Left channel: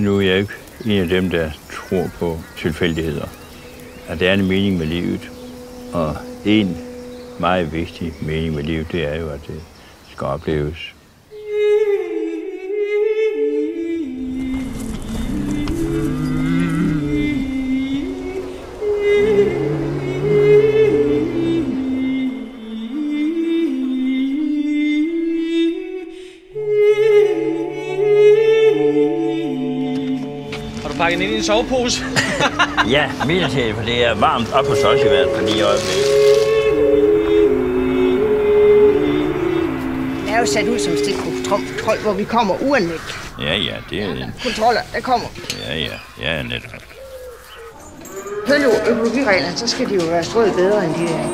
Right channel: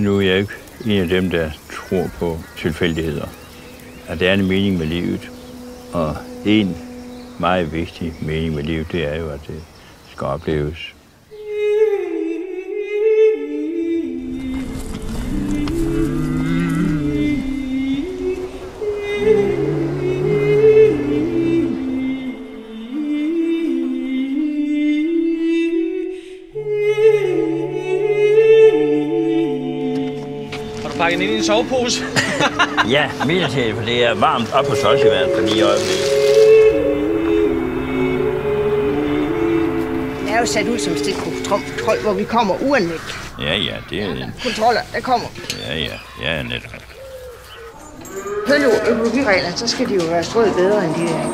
Nu er jeg ikke en af dem, der tror på tilfældigheder. At der er en mening med livet. Og en meget vigtig mening med livet, det er jo, at det skal opleves. Pakke den ind i en sovepose. Ja, midlertidigt, for det er varmt op hos os i hvert fald lige i øjeblikket. Det er jo sat ud som stikprøvekontrol, hvor vi kommer uanmeldt. Ja, det er en... Kontroller, der kommer. Ja, netop. Følger økologireglerne, så skal de jo være strøget bedre, end de er.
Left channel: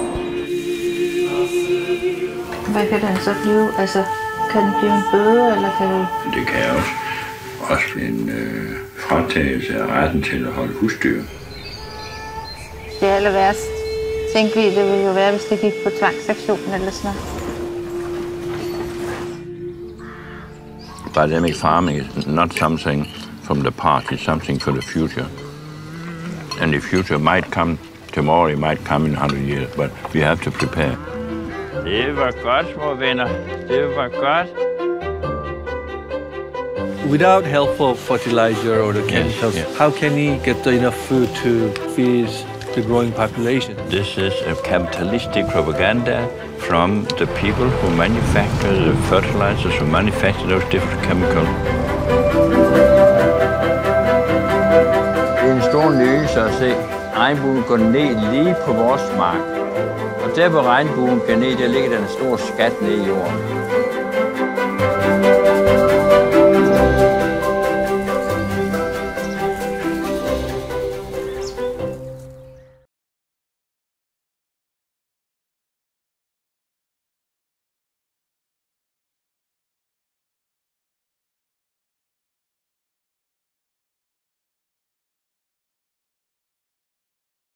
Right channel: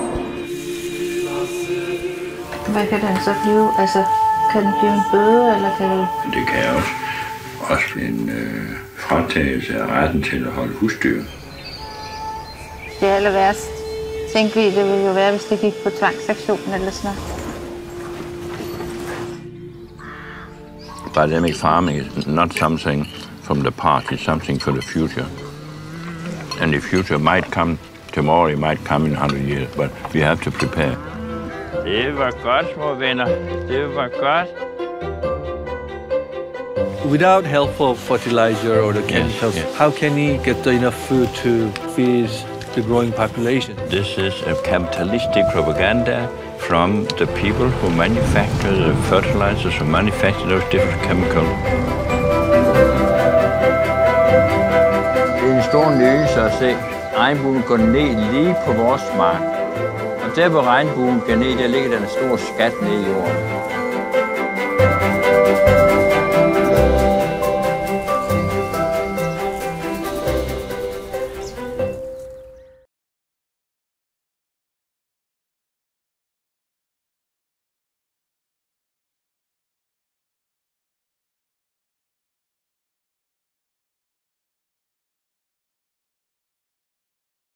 Hvad kan den så blive? Altså, kan den blive en bøde, eller kan det... Det kan også blive en fratagelse af retten til at holde husdyr. Det aller værst, tænkte vi, det ville jo være, hvis det gik på tvangsaktion eller sådan noget. Dynamic farming is not something from the past, it's something for the future. And the future might come tomorrow, it might come in 100 years, but we have to prepare. Det var godt, små venner. Det var godt. Without helpful fertilizer or the chemicals, how can he get enough food to feed the growing population? This is a capitalistic propaganda from the people who manufacture the fertilizers, who manufacture those different chemicals. Det er en stor nydelse at se regnbuen gå ned lige på vores mark. Og der hvor regnbuen går ned, der ligger der en stor skat ned i jorden.